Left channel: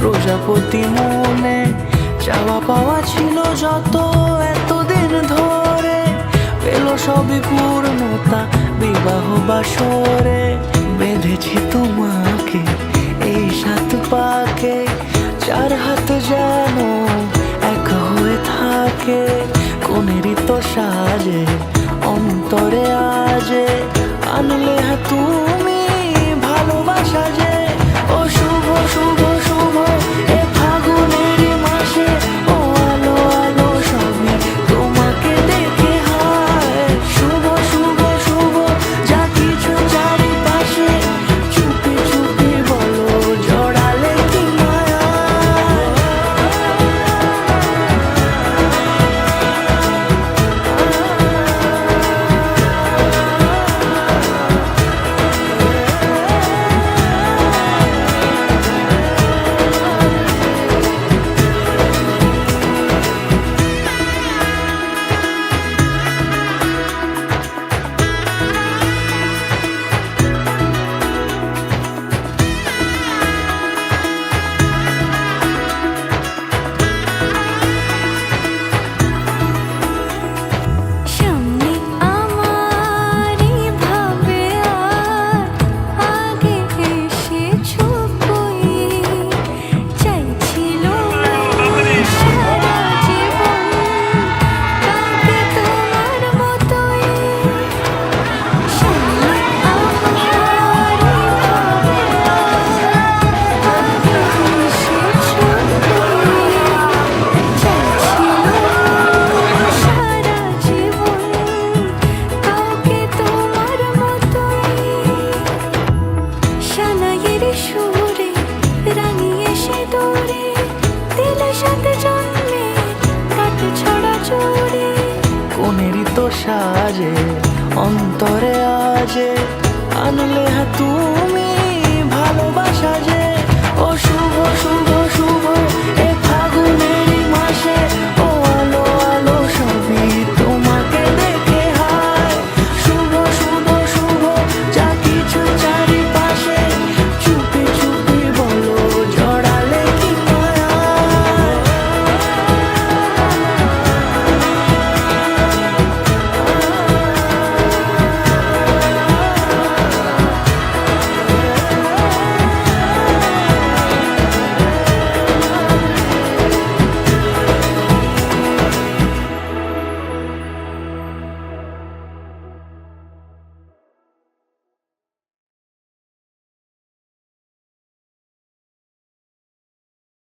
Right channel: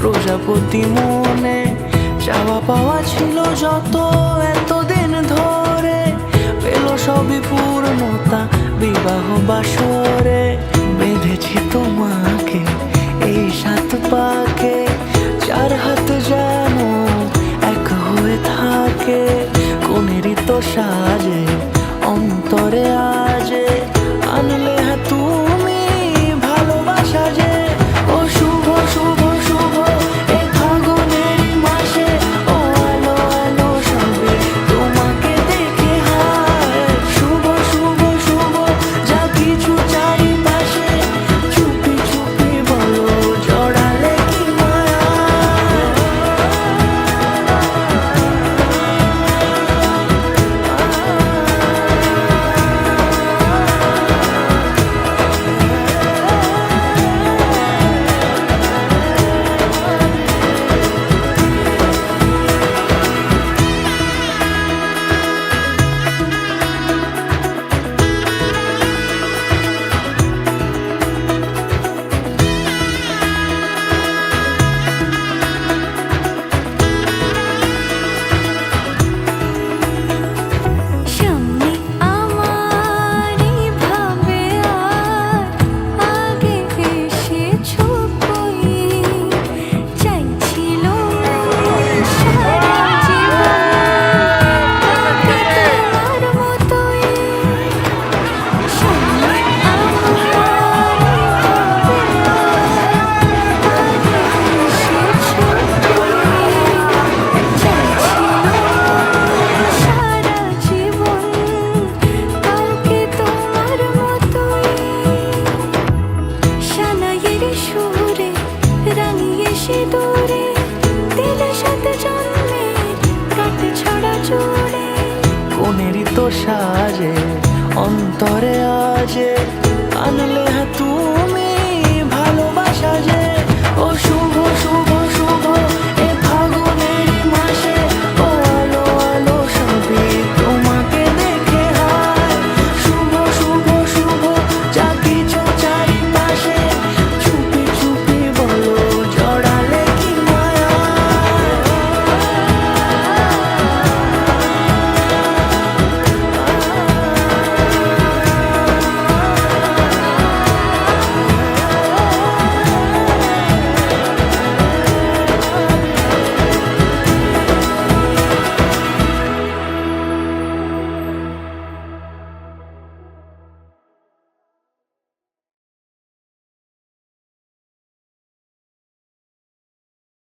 প্রজাপতি মনে চাওয়া পাওয়া ছিল যত এতদিন ধরে, পেল সবই পূর্ণতা বিবাহ বাসরে। বেঁধেছি তোমাকে এই 7 পাকে, 4 হাত যেন এক হয়ে থাকে। কোনেরই তো সাজে অন্তরে আজে, আনলে তুমি ভালোবাসা যে। ও শুভ শুভ শুভ এ ফাগুনেরই মাসে, ও আলো আলো সবই তোমাকে দেখে হায়। শুভ শুভ শুভ যা কিছু চারিপাশে, চুপি চুপি বলো জড়ালে কি মায়া। সুরে রাঙিয়ে সে দূরে দিলে 7 জন্মের কাট ছড়া জোড়ে। কোনেরই তো সাজে অন্তরে আজে, আনলে তুমি ভালোবাসা যে। ও শুভ শুভ শুভ এ